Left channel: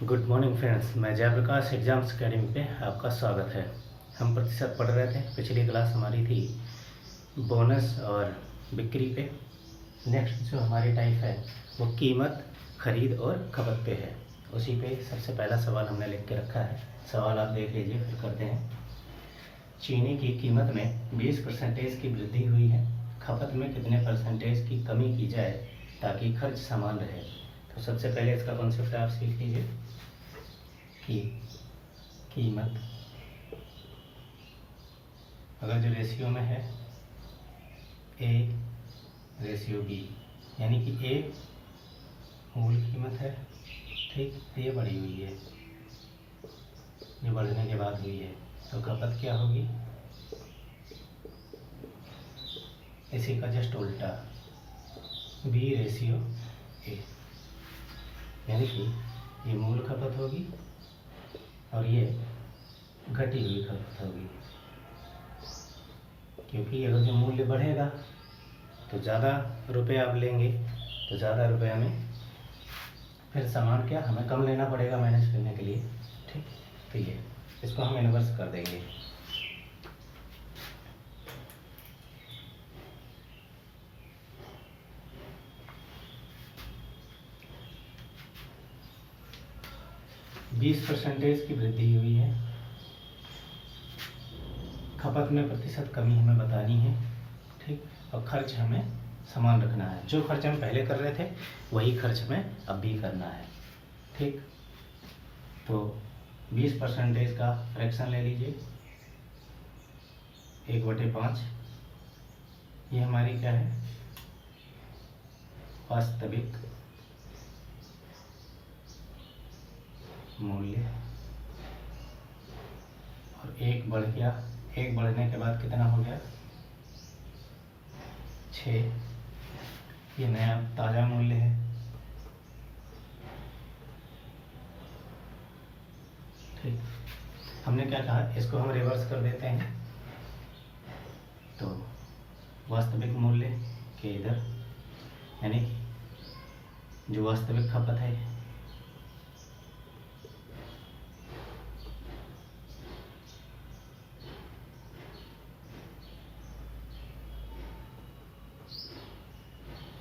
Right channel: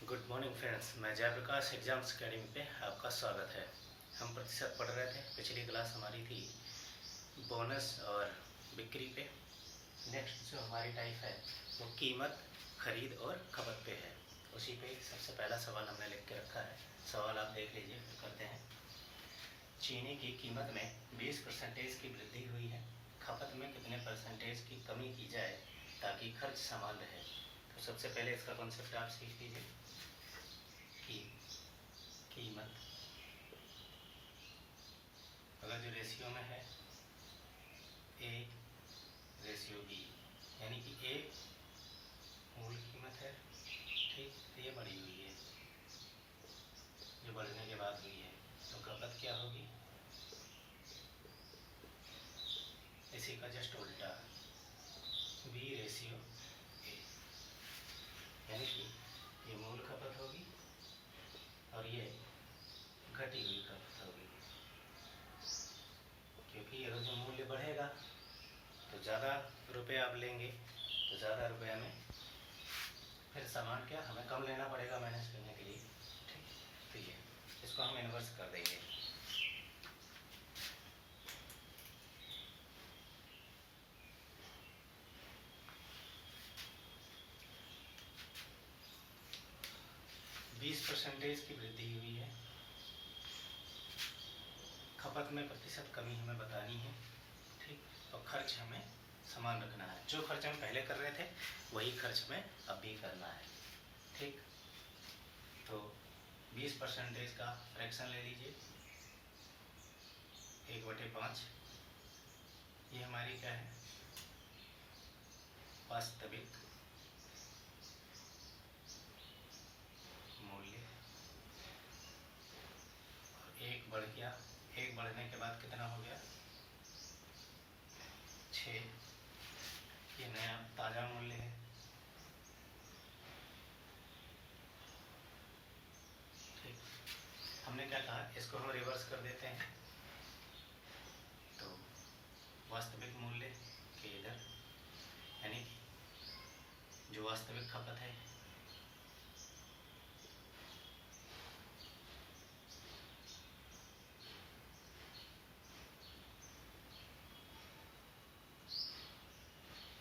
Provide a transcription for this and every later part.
Good morning friends, मैं Jayaprakash exams academy पे आपका स्वागत है। हम प्रतिशत पढ़ रहे थे। पिछली क्लास हमारी थी बोनस और बिक्री पे। नेक्स्ट जो हमारी टाइप है वो कीमत, खरीद और खपत पे है। उसी पे सबसे पहला सवाल हमने लिख के रखा है। सवाल आप देख लीजिए, फिर करते हैं। चीनी की कीमत में 20% की वृद्धि हुई है। खपत में कितने परसेंटेज की कमी की जाए ताकि खर्च समान रहे। तो सबसे पहले इसका कॉन्सेप्ट आप सीख लीजिए कि कीमत अगर जो रेशियो में है A/B, यानी कि A मूल कीमत है, ठीक, तो ये बढ़ी हुई है, जो बढ़ने के बाद हुई है। तो खपत क्या होगी? इसी का जस्ट उल्टा, B/A, यानी कि ये मूल खपत होगी और ये घटी हुई खपत होगी। क्योंकि अगर जो मूल्य बढ़ेगा तो ज़्यादा रुपए आप लेंगे, तो ज़्यादा रुपये में फिर सामान क्या हमें कम लेना पड़ेगा मैनेज करने के लिए, ठीक। तो ये इसको हम इन्वर्स कर देंगे। बीस परसेंटेज की वृद्धि हुई है। खपत में प्रतिशत कमी हमें बतानी है, ठीक। और खर्च हमें समान रखना है। जो खर्च हम पहले कर रहे थे वही खर्च हमें अब भी करना है, ठीक। तो 20% का फ्रैक्शन ले लीजिए, 1/5। ये हमारी क्या है? वास्तविक मूल्य। और एक बढ़ गया, एक बढ़ने के बाद कितना हो गया? 6। ये नया ताज़ा मूल्य है, ठीक। हमने क्या कहा, इसको हम रिवर्स कर देते हैं। तो वास्तविक मूल्य के इधर, यानी कि जो वास्तविक खपत है,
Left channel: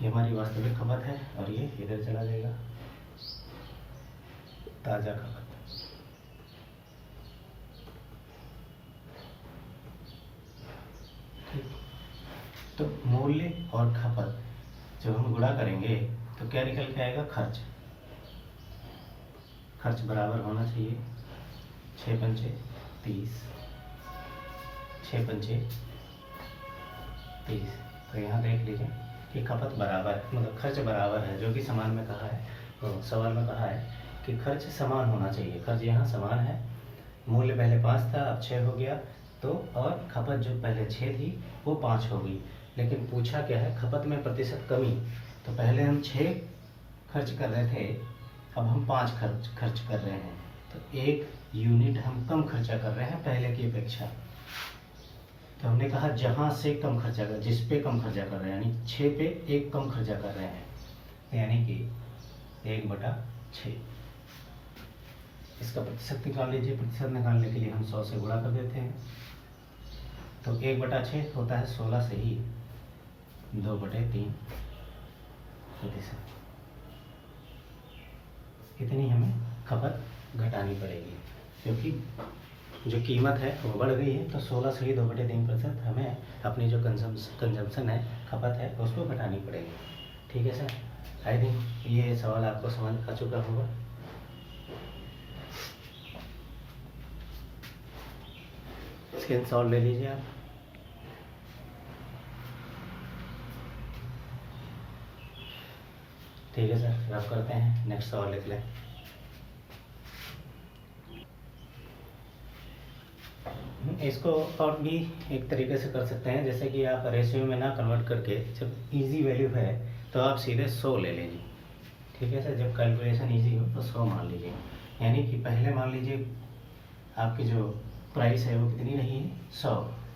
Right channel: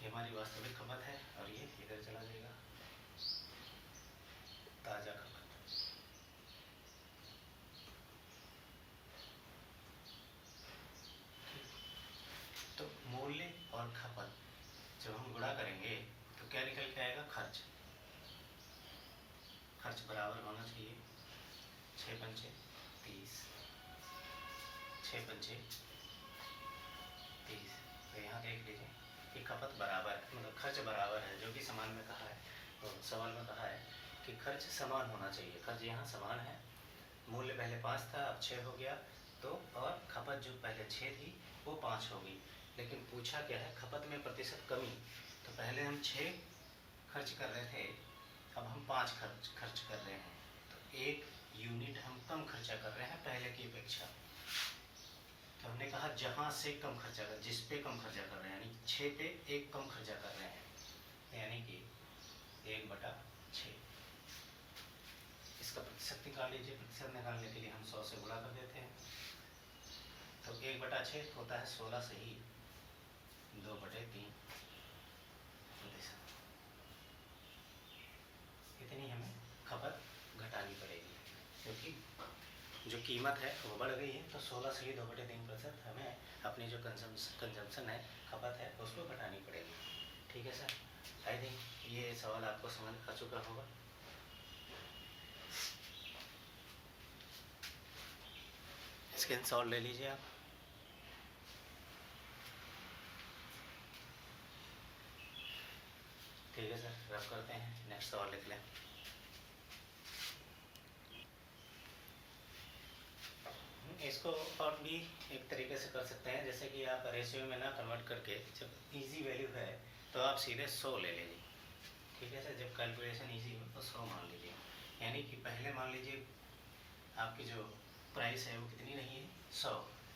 ये हमारी वास्तविक खपत है और ये इधर चला जाएगा ताज़ा खपत। तो मूल्य और खपत जब हम गुणा करेंगे तो क्या निकल के आएगा? खर्च। खर्च बराबर होना चाहिए 6×5 30, 6×5 30। तो यहाँ देख लीजिए कि खपत बराबर, मतलब खर्च बराबर है, जो कि समान में कहा है, तो सवाल में कहा है कि खर्च समान होना चाहिए। खर्च यहाँ समान है, मूल्य पहले 5 था, अब 6 हो गया, तो और खपत जो पहले 6 थी वो 5 हो गई। लेकिन पूछा क्या है? खपत में प्रतिशत कमी। तो पहले हम 6 खर्च कर रहे थे, अब हम 5 खर्च कर रहे हैं, तो 1 यूनिट हम कम खर्चा कर रहे हैं पहले की अपेक्षा। तो हमने कहा जहाँ से कम खर्चा कर, जिस पे कम खर्चा कर रहे हैं, यानी 6 पे 1 कम खर्चा कर रहे हैं, यानी कि 1/6। इसका प्रतिशत निकाल लीजिए। प्रतिशत निकालने के लिए हम 100 से गुणा कर देते हैं। तो 1/6 होता है 16 से ही 2/3 प्रतिशत। इतनी हमें खपत घटानी पड़ेगी, क्योंकि जो कीमत है वो बढ़ गई है। तो 16 से ही 2/3% हमें अपनी जो कंजम्पशन है, खपत है, उसको घटानी पड़ेगी, ठीक है सर। आई थिंक ये सवाल आपको समझ आ चुका होगा। स्क्रीनशॉट ले लीजिए आप। ठीक है सर, रफ करते हैं, नेक्स्ट सवाल लिख लें। इसको और भी एक तरीके से कर सकते हैं, जैसे कि आप रेशियो में ना कन्वर्ट करके, जब इजी वैल्यू है तो आप सीधे 100 ले लीजिए, ठीक है सर। जब कैलकुलेशन इजी हो तो 100 मान लीजिए। यानी कि पहले मान लीजिए आपकी जो प्राइस है वो कितनी रही है? 100,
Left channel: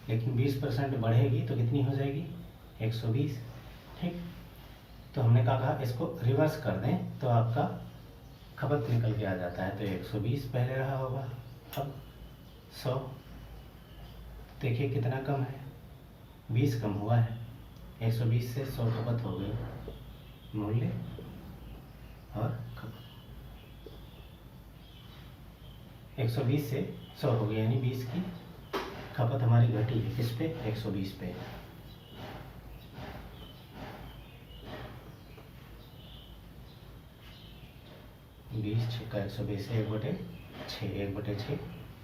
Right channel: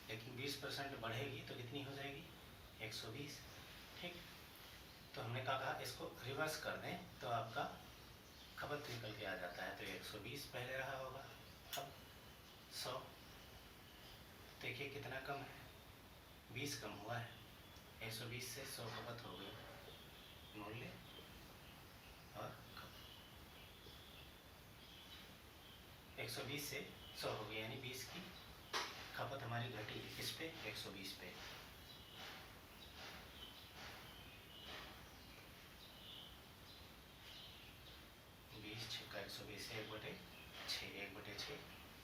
लेकिन 20% बढ़ेगी तो कितनी हो जाएगी? 120, ठीक। तो हमने कहा इसको रिवर्स कर दें तो आपका खपत निकल के आ जाता है। तो 120 पहले रहा होगा, अब 100, देखिए कितना कम है, 20 कम हुआ है। 120 से 100 खपत हो गई, मूल्य और खपत 120 से 100 हो गई, यानी 20 की खपत हमारी घटी है। किस पे? 120 पे। बीस छक्का 120 है, 1/6, 1/6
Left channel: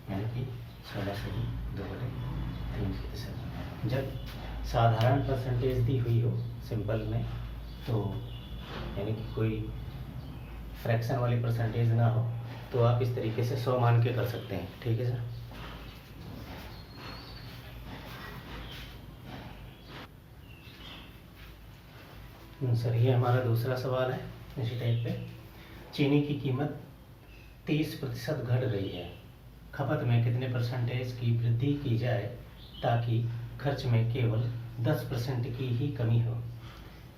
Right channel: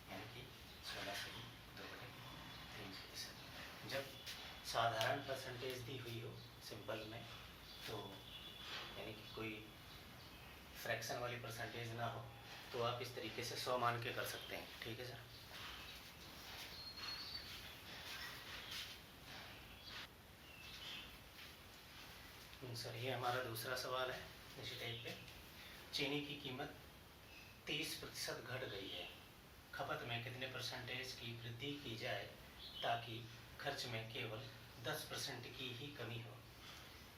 यानी कि 16 से 2/3। जब साधारण परसेंटेज दी हुई हो सिंपल में, तो यानी कि कोई फ्रैक्शन वाली परसेंटेज ना हो, तो आप इस तरीके से 100 मान के कर सकते हैं। ठीक है सर। सर ये हमारा दूसरा सवाल है इसी टाइप पे। चीनी की कीमत 30% घट गई है, खपत में कितने परसेंटेज की वृद्धि की जाए ताकि खर्च में केवल 10% की ही कमी हो।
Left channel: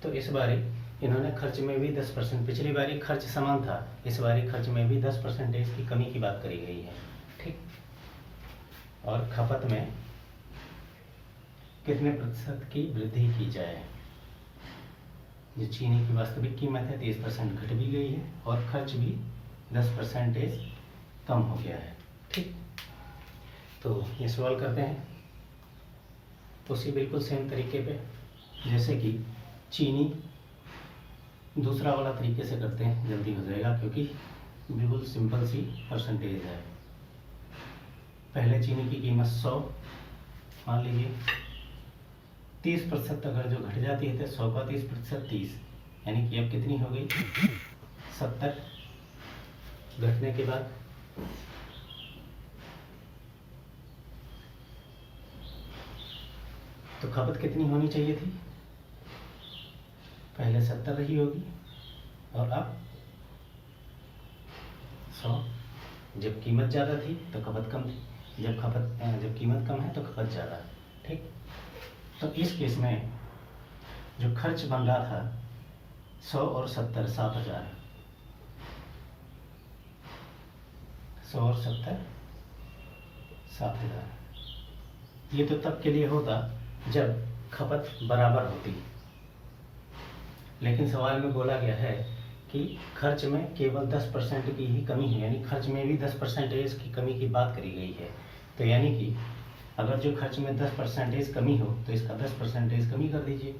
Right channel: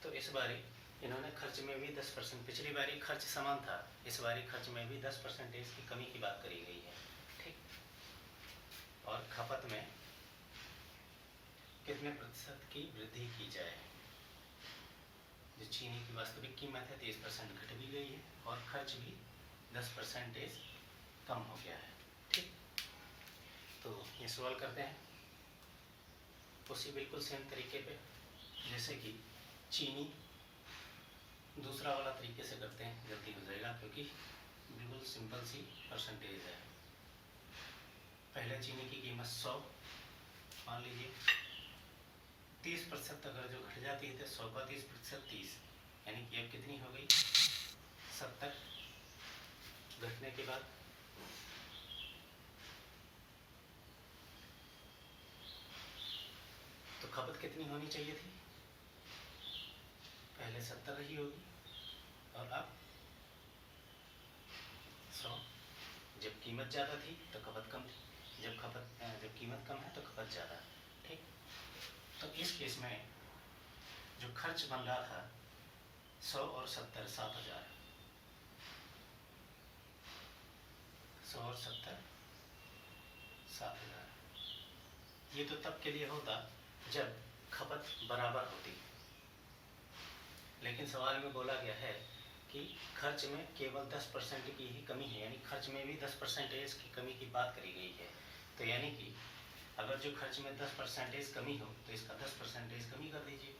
तो इस बारी इन्होंने खर्च में भी 10%, पिछली बारी खर्च समान था, इस बारी खर्च में भी 10% की कमी की बात करी गई है। ठीक, और खपत में कितने प्रतिशत की वृद्धि की जाए। जो चीनी की वास्तविक कीमत है 30% घट भी गई है और खर्च भी 10% कम हो गया है। ठीक, तो ये सवाल करते हैं उसी बिल्कुल सेम तरीके पे जैसे कि चीनी, दूसरा वाला तरीके से करते हैं, जल्दी हो जाएगा क्योंकि बिल्कुल सिंपल सी परसेंटेज है। पहले चीनी की कीमत 100 मान लीजिए, 30% अगर जो घट जाती है तो 100 का 30%, 30 यानी कि अब कितनी हो गई, 70। घटने के बाद तो खपत कितनी होनी चाहिए थी, पहले 70 रही होगी और अब 100। जब कीमत ज़्यादा थी तो खपत कम थी, जब कीमत कम है तो खपत ज़्यादा है। ठीक, तो इस केस में जो खर्च बन रहा था 100 और 70, 7000, 100 और 70, 7000। ये तो तब के लिए होता जब खपत बराबर होती, लेकिन सवाल में बोला गया है कि खर्च में केवल 10% की ही कमी है, यानी खर्च में भी 10% की कमी की बात करी गई है। तो यानी कि अगर जो खर्च में 10% कमी हो तो इसका 10% कमी कर दीजिए।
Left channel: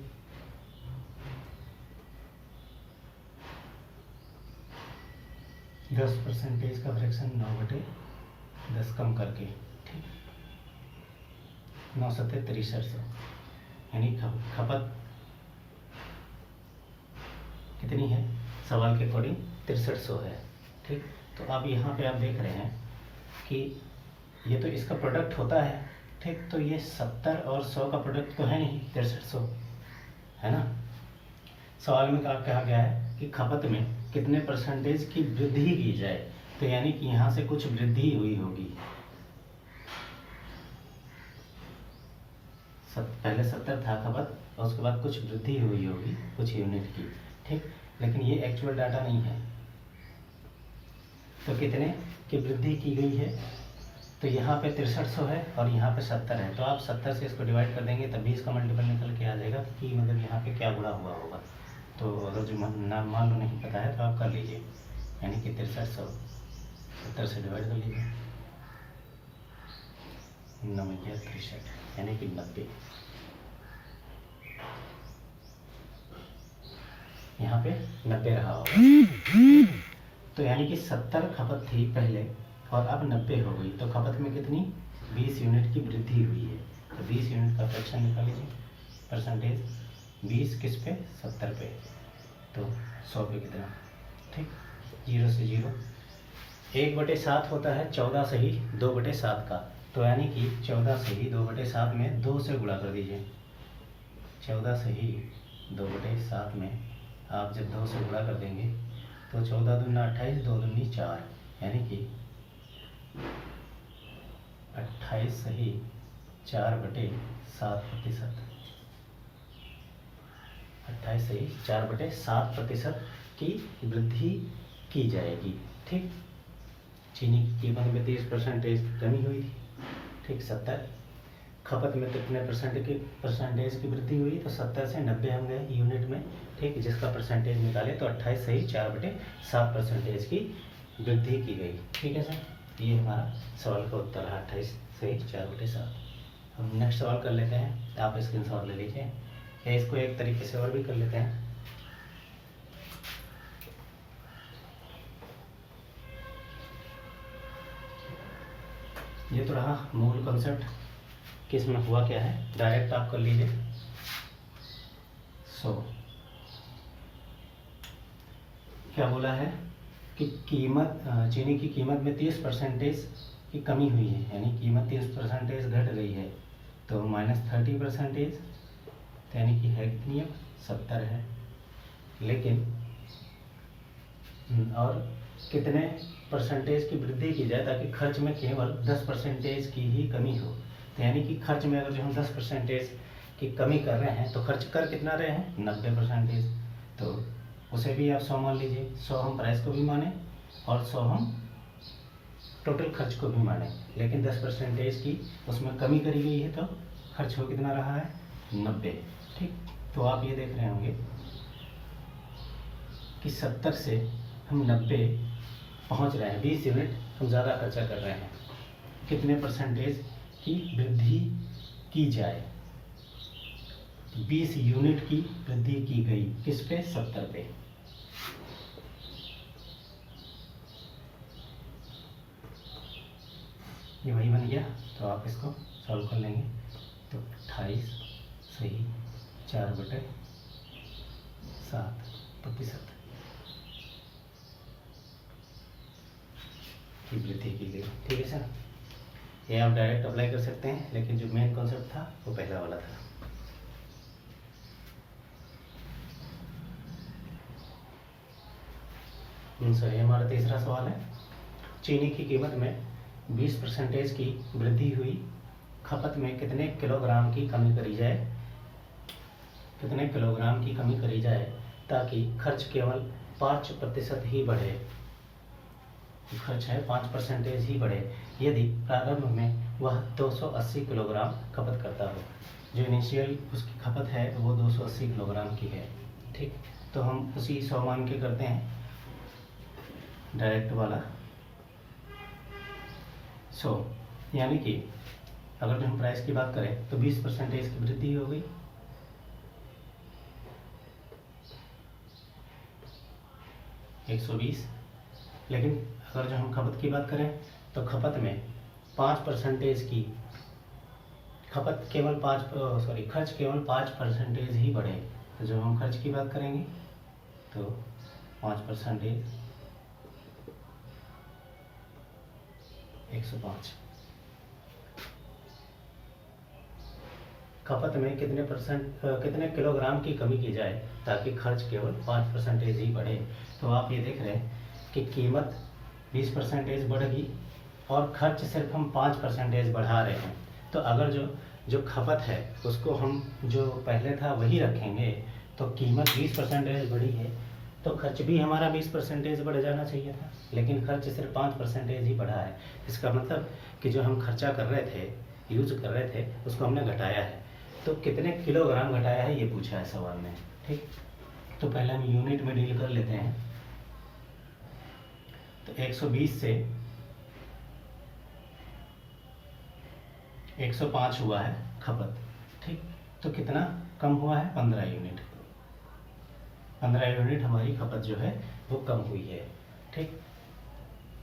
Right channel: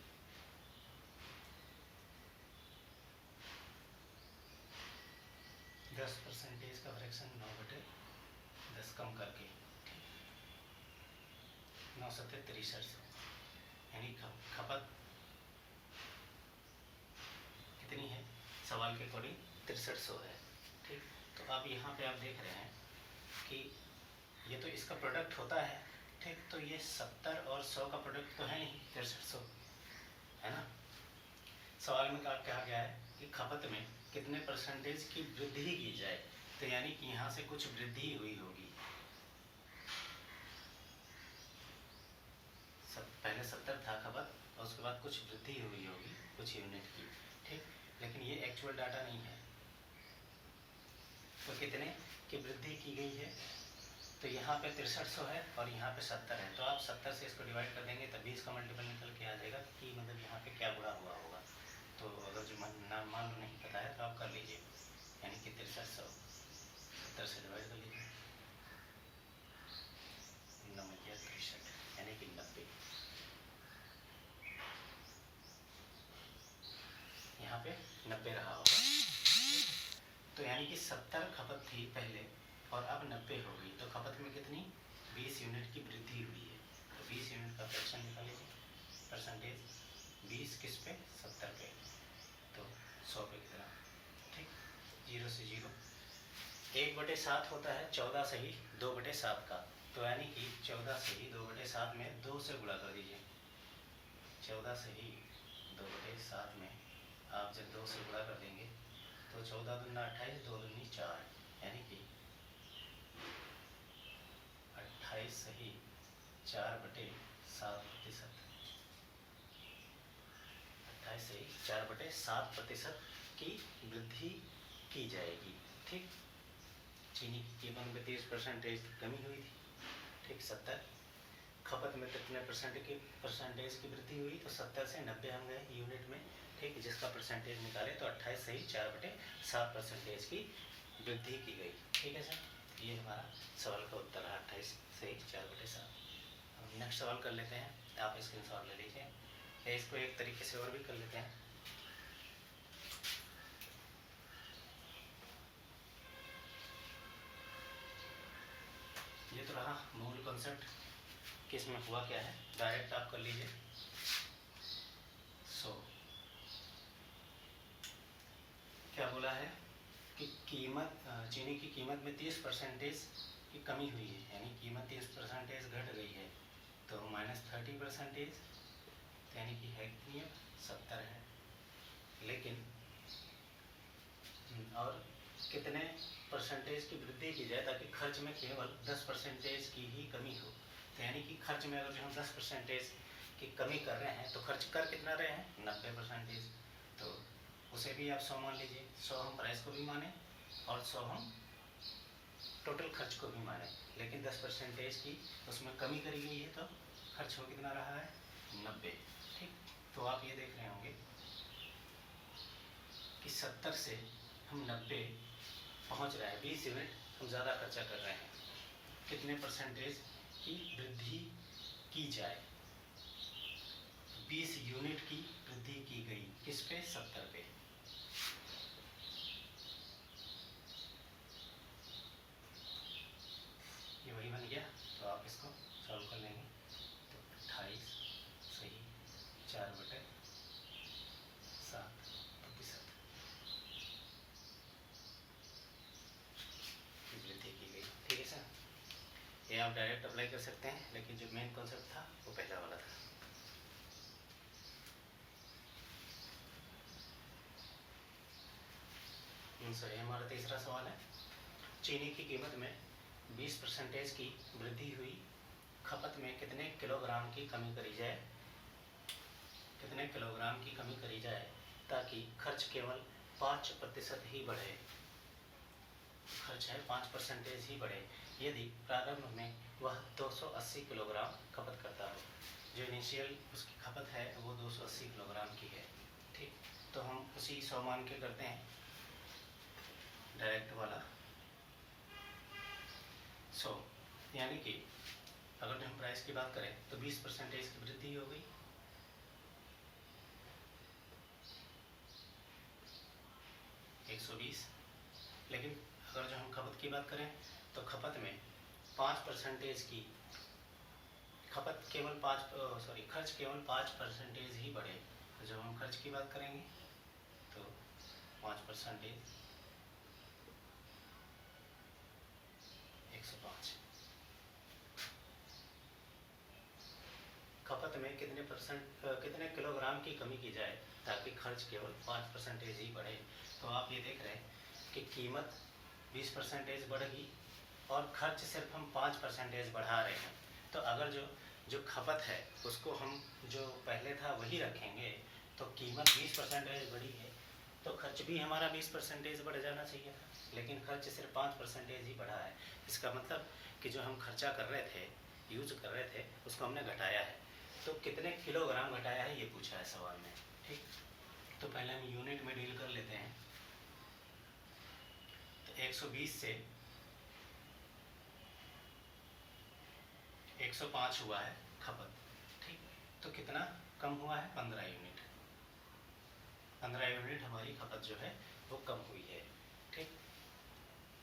दस परसेंटेज का फ्रैक्शन 9/10 कम करके, ठीक, 9 सत्ते 6300, यानी खपत कितनी है सवाल के अकॉर्डिंग 6300 है। ठीक, तो अब यहाँ पे आप देख रहे हैं कि ये तो इसका प्रोडक्ट होता है। ठीक, तो ये 70 और 100 का प्रोडक्ट तो है नहीं, 6300 है ना। सवाल में कहा गया है कि खपत में कितने परसेंटेज की वृद्धि की जाए, तो यानी कि यहाँ से कुछ वृद्धि हुई होगी। पहले 70 था खपत और उसके बाद कुछ वृद्धि हुई होगी कुछ यूनिट की। ठीक, लेकिन ये एक्चुअल डाटा नहीं है। तो कितने की वृद्धि की गई है, तो यहाँ पे 6300 है और यहाँ पे 70 है, तो आप 70 से इसको डिवाइड कर देंगे तब भी इसका मल्टीपल निकल के आ जाएगा कि मतलब यहाँ पे क्या गुणा हुआ होगा। तो अगर जो मान लो नहीं पता है तो आप कर लीजिए, यानी कि 6300 70 से डिवाइड कर लीजिए, 9 63 यानी कि 90। यहाँ पे 90 रहा होगा, तो यानी कि 70 खपत थी पहले और अब 90 हो गई, तो खपत में कितनी 20 यूनिट की वृद्धि हुई है। तो 20 यूनिट का फ्रैक्शन निकाल लीजिए, परसेंटेज 20 किस पे 70 पे, तो 100 पे कितना। ठीक, 0 से 0, 1/7 होता है 14 से ही 2/7 का, तो यानी कि 14 से ही 2/7 में 2 से गुणा कर दीजिए। 14 से ही 2/7 में आप जब 2 से गुणा कर देंगे तो 14 दूना 28, 2 दूनी 4, यानी कि 28 सही 4/7%, 28 सही 4/7% की वृद्धि की जाएगी। ठीक। चीनी की कीमत में 30% कमी हुई थी, ठीक। 70 खपत में कितने परसेंटेज की वृद्धि हुई, तो 70 से 90 हम गए यूनिट में, ठीक। जिसका परसेंटेज निकाले तो 28 सही 4/7% की वृद्धि की गई, ठीक है सर। ये हमारा सवाल का उत्तर है 28 सही 4/7। हम नेक्स्ट सवाल कर लेते हैं, आप स्क्रीन शॉट ले लीजिए, या इसको एक तरीके से और भी कर लेते हैं। ये तो रहा मूल कॉन्सेप्ट कि इसमें हुआ क्या है, डायरेक्ट आप कर लीजिए। क्या बोला है कि चीनी की कीमत में 30% की कमी हुई है, यानी कीमत 30% घट गई है, तो -30%, यानी कि है कितनी है, 70 है। लेकिन और कितने परसेंटेज की वृद्धि की जाए ताकि खर्च में केवल 10% की ही कमी हो, तो यानी कि खर्च में अगर जो हम 10% की कमी कर रहे हैं तो खर्च कर कितना रहे हैं, 90%। तो उसे भी आप 100 मान लीजिए, 100 हम प्राइस को भी माने और 100 हम टोटल खर्च को भी माने, लेकिन 10% की उसमें कमी करी गई है, तो खर्च हो कितना रहा है, 90, ठीक। तो आप ये देख रहे होंगे कि 70 से हम 90 पहुंच रहे हैं, 20 यूनिट हम ज़्यादा खर्चा कर रहे हैं। कितने परसेंटेज की वृद्धि की जाए, 20 यूनिट की वृद्धि की गई, किस पे, 70 पे। ये वही बन गया, तो आप इसको सॉल्व कर लेंगे, तो 28 सही 4/7% की वृद्धि की गई, ठीक है सर। ये आप डायरेक्ट अप्लाई कर सकते हैं, लेकिन जो मेन कॉन्सेप्ट था वो पहला वाला था। सर, ये हमारा तीसरा सवाल है। चीनी की कीमत में 20% की वृद्धि हुई, खपत में कितने किलोग्राम की कमी करी जाए, कितने किलोग्राम की कमी करी जाए ताकि खर्च केवल 5% ही बढ़े, खर्च है 5% ही बढ़े, यदि प्रारंभ में वह 280 किलोग्राम खपत करता हो। जो इनिशियल उसकी खपत है वो 280 किलोग्राम की है, ठीक। तो हम उसी 100 मान के करते हैं डायरेक्ट वाला। यानी कि अगर जो हम प्राइस की बात करें तो 20% की वृद्धि हो गई, $120। लेकिन अगर जो हम खपत की बात करें तो खपत में 5% की खपत केवल खर्च केवल 5% ही बढ़े। तो जब हम खर्च की बात करेंगे तो 5% 105। खपत में कितने किलोग्राम की कमी की जाए ताकि खर्च केवल 5% ही बढ़े। तो आप ये देख रहे हैं कि कीमत 20% बढ़ेगी और खर्च सिर्फ हम 5% बढ़ा रहे हैं। तो अगर जो खपत है उसको हम जो पहले था वही रखेंगे तो कीमत 20% बढ़ी है, तो खर्च भी हमारा 20% बढ़ जाना चाहिए था, लेकिन खर्च सिर्फ 5% ही बढ़ा है। इसका मतलब कि जो हम खर्चा कर रहे थे, यूज कर रहे थे, उसको हमने घटाया है। तो कितने किलोग्राम घटाया है ये पूछा है सवाल में, ठीक। तो पहले हम यूनिट में डील कर लेते हैं। तो 120 से 105 हुआ है खपत, ठीक। तो कितना कम हुआ है, 15 यूनिट। 15 यूनिट हमारी खपत जो है वो कम हुई है, ठीक।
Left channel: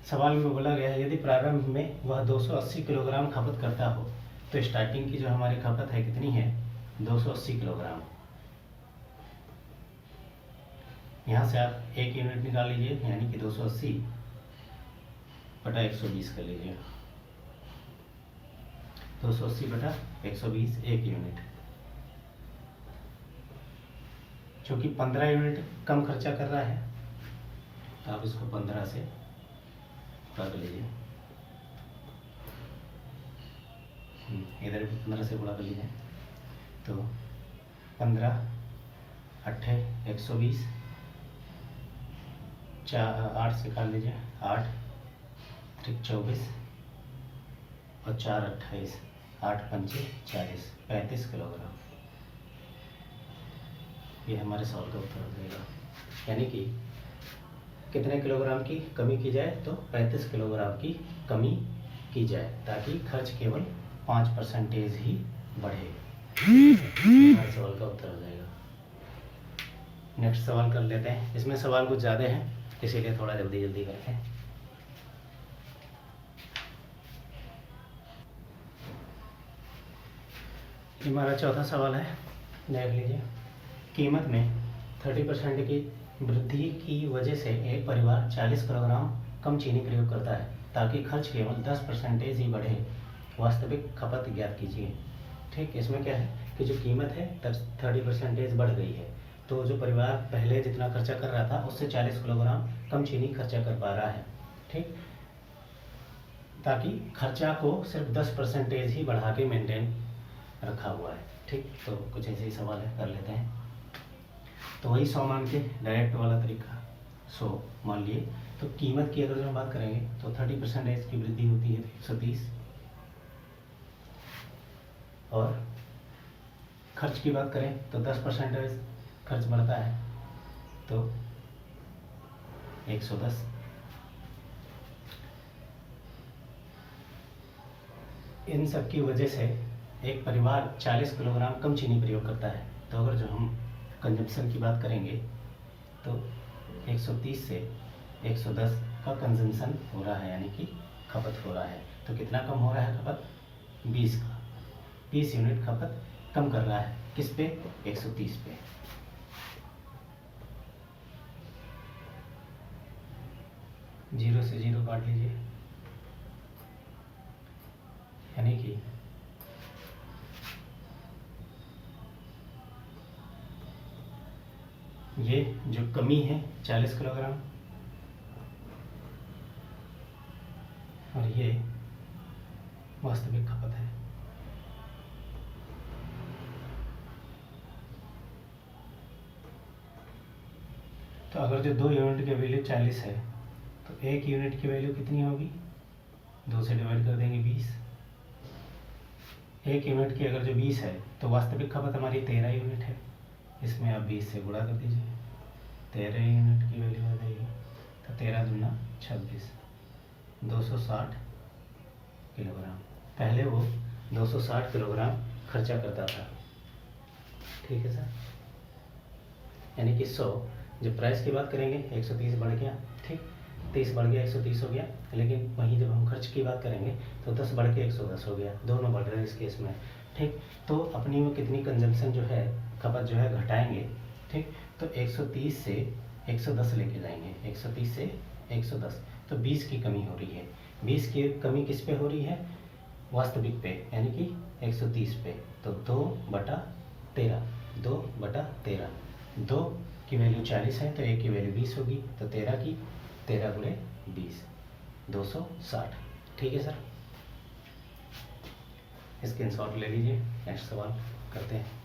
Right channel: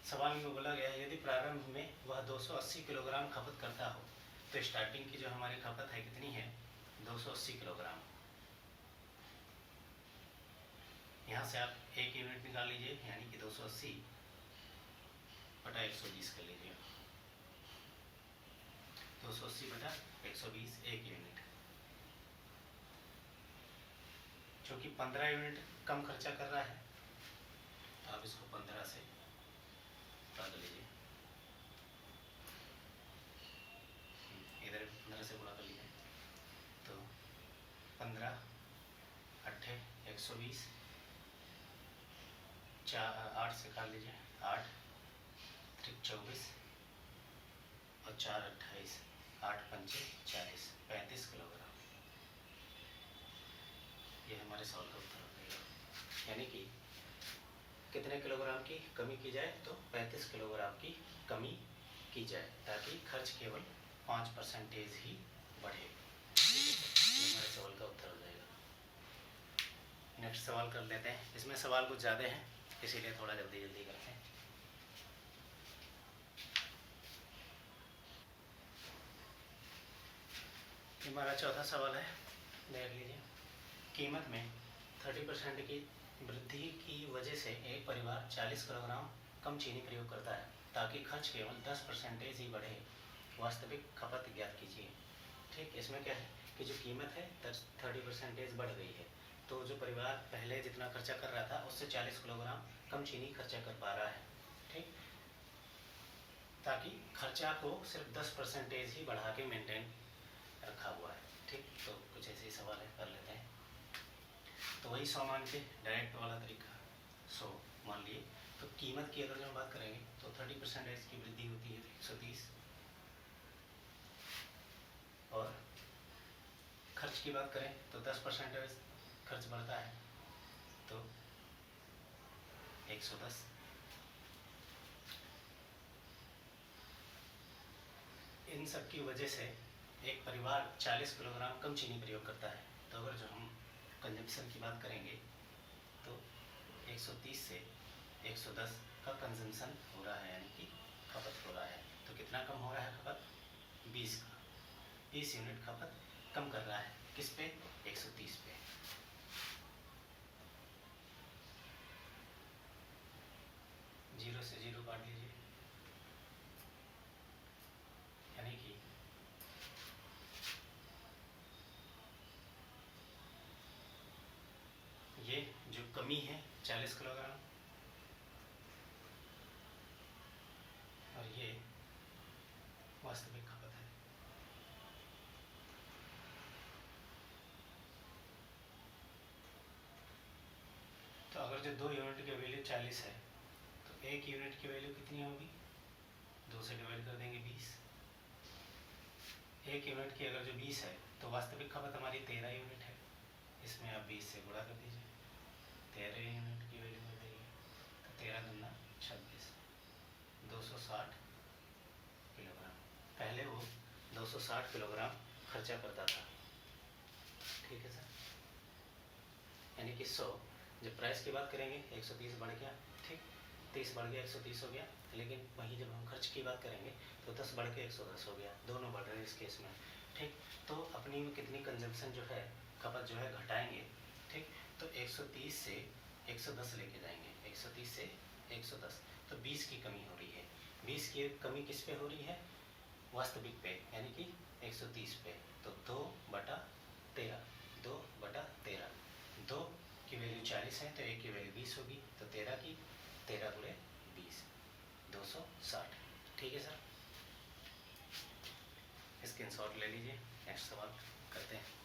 सवाल में बोला गया है यदि प्रारंभ में वह 280 किलोग्राम खपत करता हो, तो स्टार्टिंग की जो हमारी खपत है कितनी है, 280 किलोग्राम। यहाँ से आप 1 यूनिट निकाल लीजिए, यानी कि 280 बटा 120 कर लीजिए। 280 बटा 120 1 यूनिट। चूँकि 15 यूनिट कम खर्चा कर रहा है, आप इसको 15 से काट लीजिए, इधर भी 15 से गुणा कर लीजिए। तो 15 8 120 8 से काट लीजिए, 8 ठीक 24 और 4 28, 8 पंचे 40, 35 किलोग्राम। ये हमारे सवाल का उत्तर हो जाएगा। यानी कि कितने किलोग्राम की कमी की जाए, तो 35 किलोग्राम की कमी की जाए, ताकि खर्च केवल 5% ही बढ़े। हमारे सवाल का उत्तर हो जाएगा। नेक्स्ट सवाल कर लेते हैं। इसमें सवाल कुछ ज़्यादा हैं, इसीलिए थोड़ा जल्दी जल्दी करते हैं। हमारा चौथा सवाल है, देख लीजिए। कीमत में 30% की वृद्धि की वजह से एक परिवार 40 किलोग्राम कम चीनी प्रयोग करता है, ताकि खर्च केवल 10% ही बढ़े। वास्तविक खपत ज्ञात कीजिए। ठीक, इसमें क्या है कि जो कीमत है 30% बढ़ गई है, तो जो परिवार पहले जितना खर्चा कर रहा था उससे 40 किलोग्राम कम चीनी खर्चा कर पा रहा है। ठीक, ताकि खर्चा को सिर्फ 10% ही बढ़ा के मेंटेन रखा हुआ है। ठीक, तो कुछ ऐसे ही सवाल है, कर लेते हैं। तो वही 100 मान के डायरेक्ट वाला तरीका, 100 मान लिए। तो कीमत की अगर हम बात करेंगे तो 30% की वृद्धि होती है 130, और खर्च की बात करें तो 10% खर्च बढ़ता है तो 110। इन सब की वजह से एक परिवार 40 किलोग्राम कम चीनी प्रयोग करता है। तो अगर जो हम कंजम्पशन की बात करेंगे तो 130 से 110 का कंजम्पशन हो रहा है, यानी कि खपत हो रहा है। तो कितना कम हो रहा है खपत? 20 का, 20 यूनिट खपत कम कर रहा है। किस पे? 130 पे। जीरो से जीरो काट लीजिए, यानी कि ये जो कमी है 40 किलोग्राम, और ये वास्तविक खपत है। तो अगर जो 2 यूनिट की वैल्यू 40 है तो 1 यूनिट की वैल्यू कितनी होगी? 2 से डिवाइड कर देंगे 20। 1 यूनिट की अगर जो 20 है तो वास्तविक खपत हमारी 13 यूनिट है। इसमें आप 20 से गुणा कर दीजिए, 13 यूनिट की वैल्यू हो जाएगी। तो 13 दूना 26, 260 किलोग्राम। पहले वो 260 किलोग्राम खर्चा करता था। ठीक है सर, यानी कि 100, जब प्राइस की बात करेंगे 130 बढ़ गया, ठीक, 30 बढ़ गया 130 हो गया। लेकिन वहीं जब हम खर्च की बात करेंगे तो 10 बढ़ के 110 हो गया, दोनों बढ़ रहे हैं इस केस में। ठीक, तो अपनी में कितनी कंजम्पशन जो है, खपत जो है घटाएंगे। ठीक, तो 130 से 110 लेके जाएंगे, 130 से 110, तो 20 की कमी हो रही है। 20 की कमी किस पे हो रही है? वास्तविक पे, यानी कि 130 पे। तो 2/13, 2/13, 2 की वैल्यू 40 है तो 1 की वैल्यू 20 होगी, तो 13 की 13 गुणे 20, 260। ठीक है सर, स्क्रीनशॉट ले लीजिए। नेक्स्ट सवाल करते हैं।